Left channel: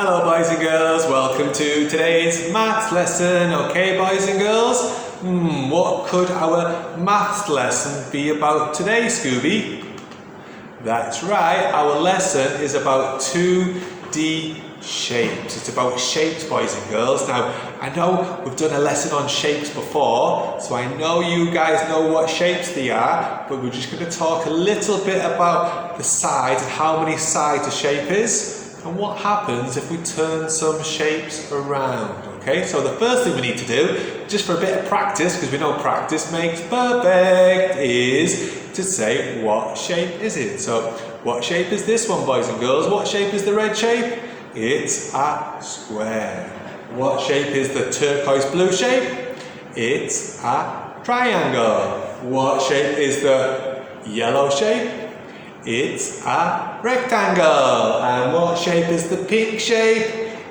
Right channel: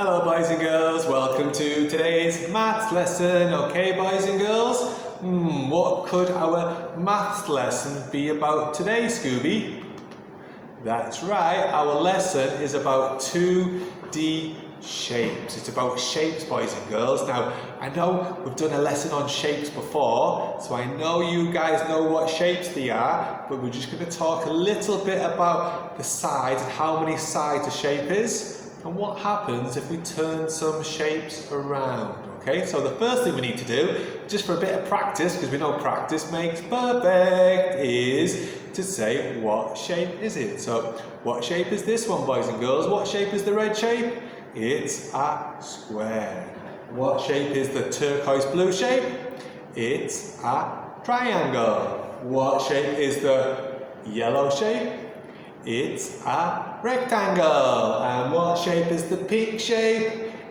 Hello boys and girls, welcome to today's maths lesson. Okay boys and girls, what could our maths lesson be about today, Scooby? That's right, our lesson is about 2D shapes. It's about shapes, boys and girls. Now, I know we've done a lesson on shapes before, so I know you guys know what shapes they are, but we're just going to talk a little bit about the sides and how many sides a shape is. And what happens if we turn some shapes around, okay? So the first thing we need to do, just for a bit of practice, because we know practice makes perfect, is to say, what shape is it? So, what shape is this one, boys and girls? What shape is the red shape? It's a square. What shape is the turquoise blue shape? It's a triangle. What shape is the yellow shape? It's a rectangle. And what shape is the pink shape?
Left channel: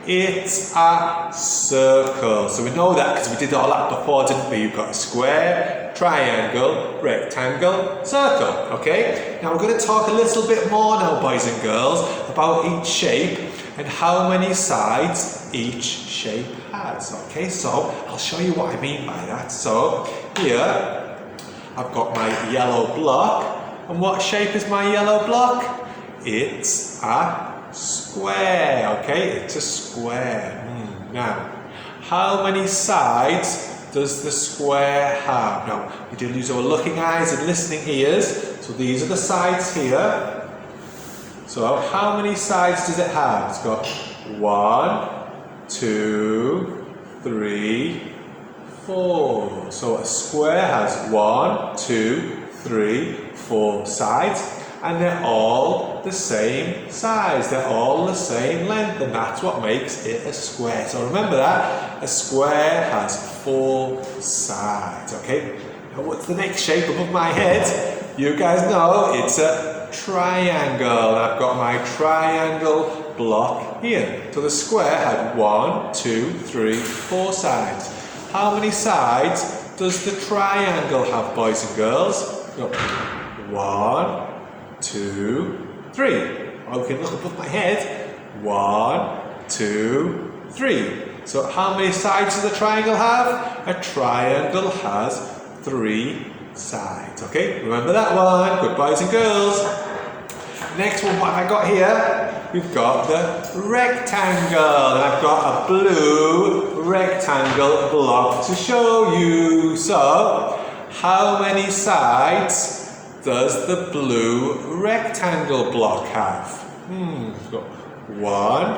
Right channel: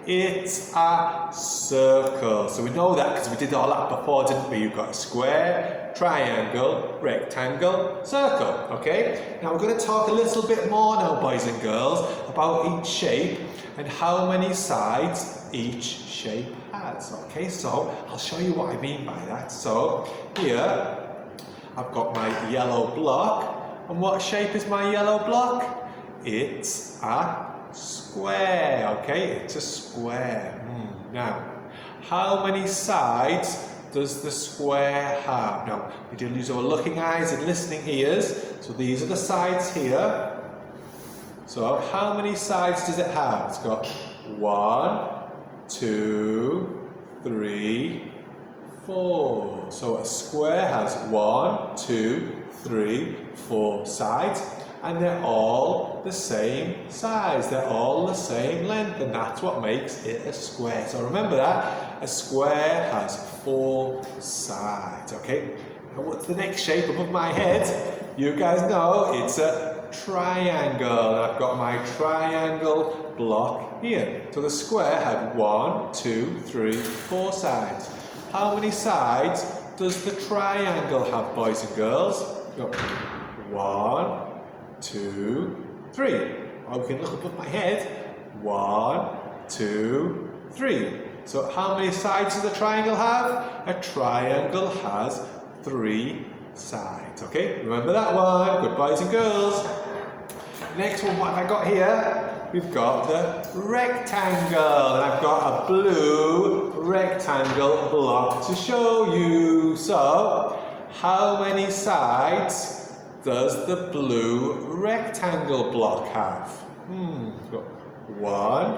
It's a circle. So we know that because we did all that before, didn't we? You've got a square, triangle, rectangle, circle. Okay? Now we're going to talk a little bit more now, boys and girls, about each shape and how many sides each shape has. Okay? So I'll show you what I mean by that. So here I've got my yellow block. And what shape is my yellow block? It's a square, okay? It's a square. Now, how many sides does the square have? Now, we do use our looking eyes and listening ears. So these are the sides here. So how many sides does it have? It's got 1, 2, 3, 4. So a square has 1, 2, 3, 4 sides, and they're all the same size, they're all the same length, and that's what makes it a square. So remember that, a square has 4 sides, okay? Now what's the next shape above my head? You guys know it's a triangle. I've got my triangle block here. So the square had 1, 2, 3, 4 sides. How many sides does the triangle have, boys and girls? 1, 2, 3. Okay, look above my head. 1, 2, 3. So how many sides does a triangle have? A triangle has 3 sides. Okay, remember that one. Good boys and girls. Next one, what have I got here? We've got the rectangle. I've got a blue rectangle block to show you. So, how many sides does the blue rectangle block have? We've got 1,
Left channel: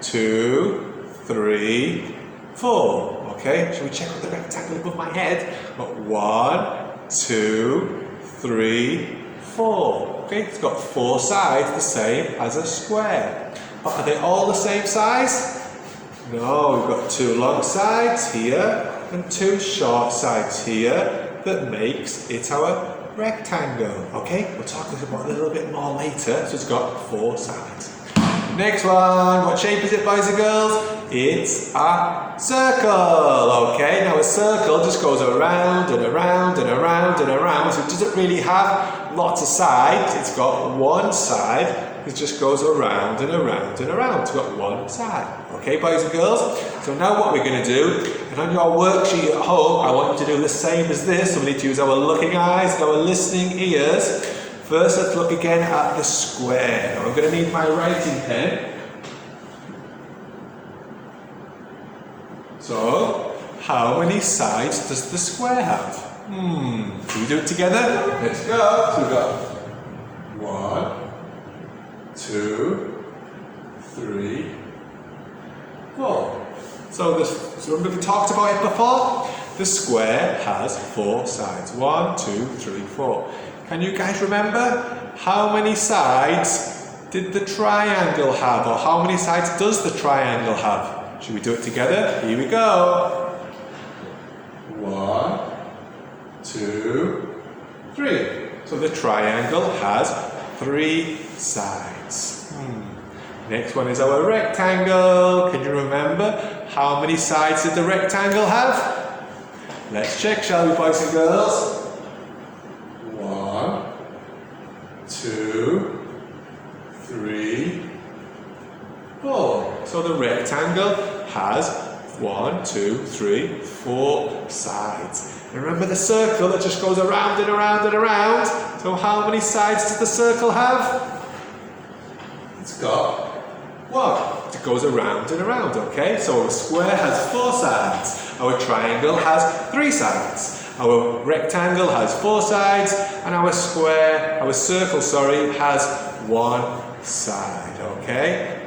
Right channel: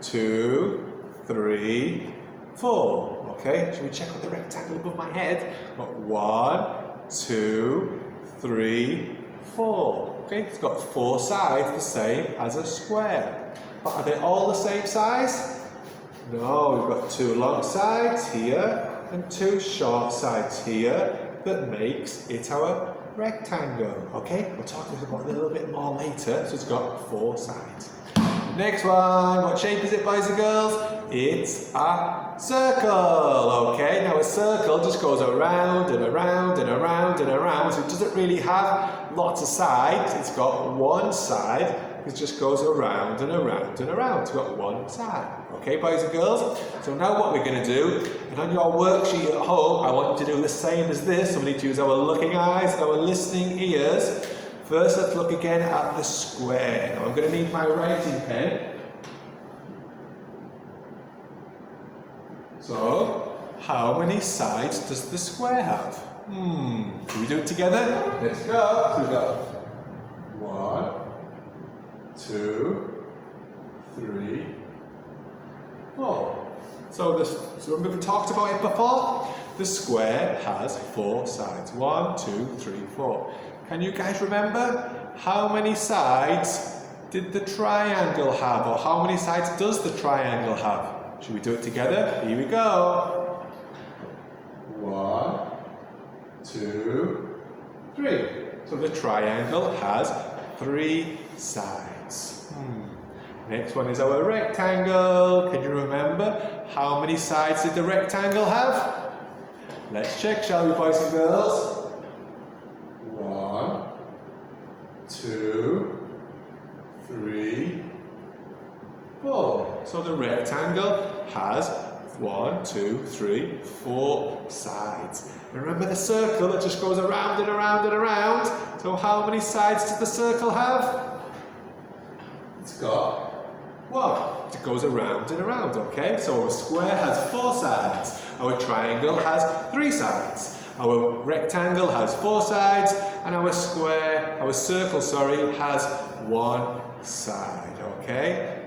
2, 3, 4. Okay, shall we check out the rectangle above my head? Got 1, 2, 3, 4. Okay, it's got 4 sides, the same as a square. But are they all the same size? No, we've got 2 long sides here and 2 short sides here that makes it our rectangle. Okay, we'll talk about it a little bit more later. So it's got 4 sides. Next one, what shape is it, boys and girls? It's a circle. Okay, now a circle just goes around and around and around and around. So it doesn't really have lots of sides. It's got 1 side. It just goes around and around and around. It's got 1 side. Okay, boys and girls? So now what we're going to do, and on your worksheet at home, I want you to do the same as this. So we need to use our looking eyes, our listening ears. First, let's look again at the square. Now I'm going to need my writing pen. So, how many sides does the square have? Can we do it together? Let's go. So we've got 1, 2, 3, 4. So remember we talked about it before? The square has 4 sides. 1, 2, 3, 4. Can you guys remember how many sides did the triangle have? Or how many sides does the triangle have? Should we do it together? Here we go. 1, 2, 3. So the triangle has 3 sides. Next one is our rectangle. Can you remember how many sides did the rectangle have? Let's check, shall we, boys and girls? 1, 2, 3, 4. So the rectangle has 1, 2, 3, 4 sides. And remember the circle that just goes around and around and around? So how many sides does the circle have? It's got 1. It goes around and around, okay? So a square has 4 sides. Our triangle has 3 sides. Our rectangle has 4 sides, and our circle, has 1 side, okay?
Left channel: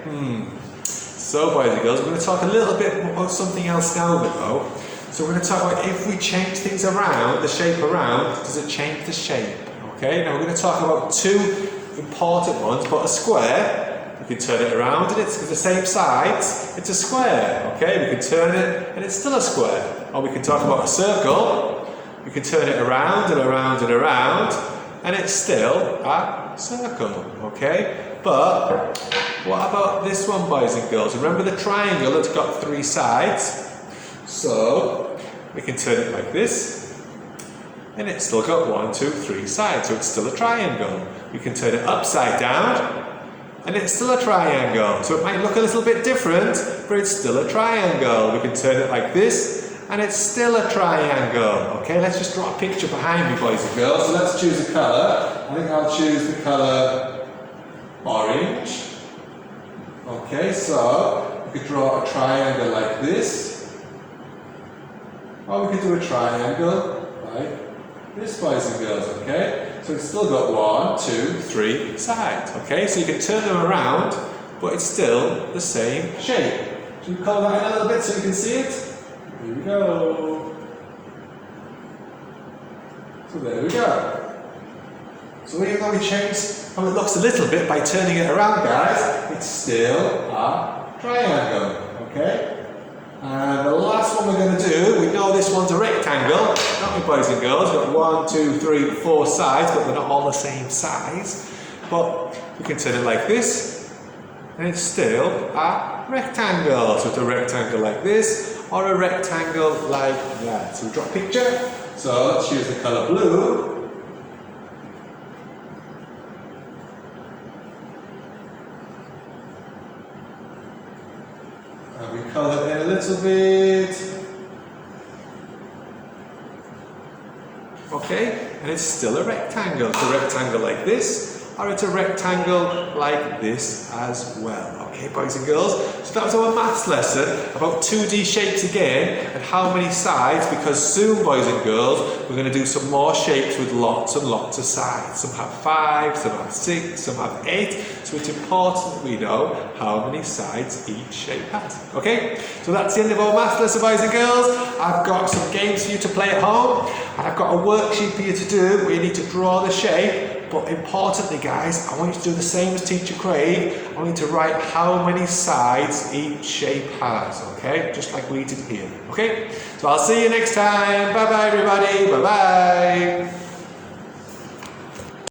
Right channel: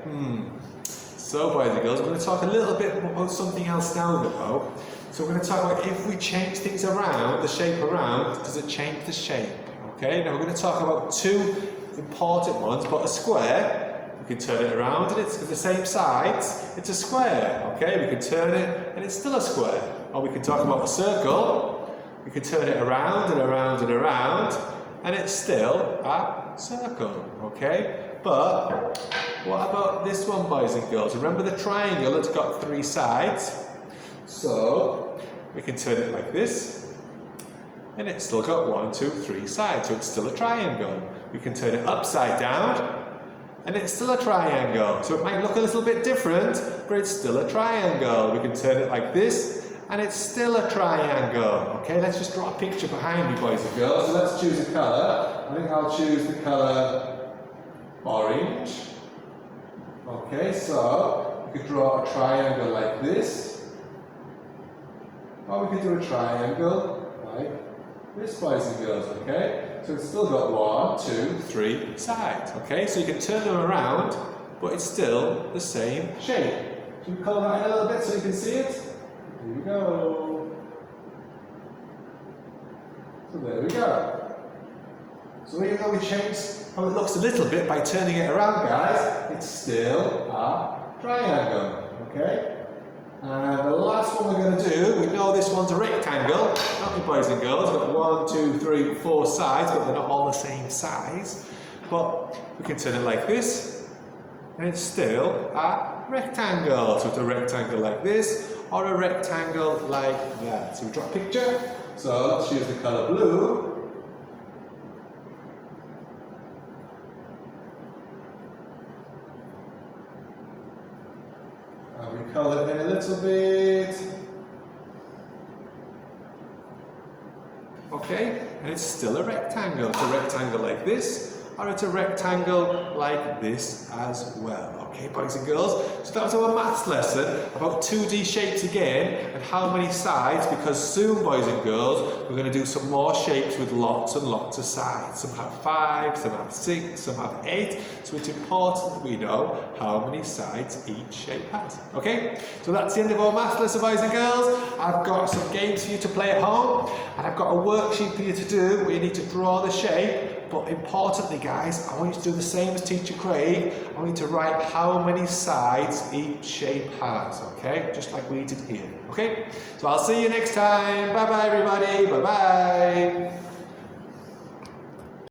So, boys and girls, we're going to talk a little bit about something else now, though. So we're going to talk about if we change things around, the shape around, does it change the shape? Okay, now we're going to talk about 2 important ones, but a square, we can turn it around and it's the same sides, it's a square, okay? We can turn it and it's still a square. Or we can talk about a circle, we can turn it around and around and around, and it's still a circle, okay? But what about this one, boys and girls? Remember the triangle that's got 3 sides? So we can turn it like this, and it's still got 1, 2, 3 sides, so it's still a triangle. We can turn it upside down, and it's still a triangle. So it might look a little bit different, but it's still a triangle. We can turn it like this, and it's still a triangle. Okay, let's just draw a picture behind me, boys and girls. So let's choose a colour. I think I'll choose the colour orange. Okay, so we could draw a triangle like this. Or we could do a triangle like this, boys and girls, okay? So it's still got 1, 2, 3 sides, okay? So you can turn them around, but it's still the same shape. Should we colour that in a little bit so you can see it? Here we go. So there we go. So even though we change how it looks a little bit by turning it around, guys, it's still a triangle, okay? And the last one we're going to do, we know this one's a rectangle, don't we, boys and girls? We've got 1, 2, 3, 4 sides, but they're not all the same size. But we can turn it like this, and it's still a rectangle. So it's a rectangle like this, or a rectangle like that. So we draw a picture. So let's choose the colour blue. And we colour it in a little bit. Okay, and it's still a rectangle. It's a rectangle like this, or it's a rectangle like this as well. Okay, boys and girls, so that was our maths lesson about 2D shapes again and how many sides, because soon, boys and girls, we're going to do some more shapes with lots and lots of sides. Some have 5, some have 6, some have 8, so it's important that we know how many sides each shape has. Okay, so that's the end of our maths lesson, boys and girls. I've got some games for you to play at home, and I've got a worksheet for you to do where you need to draw the shape. But importantly, guys, I want you to do the same as Teacher Craig. I want you to write how many sides each shape has, okay? Just like we did here, okay? So I'll see you next time. Bye-bye, everybody. Bye-bye.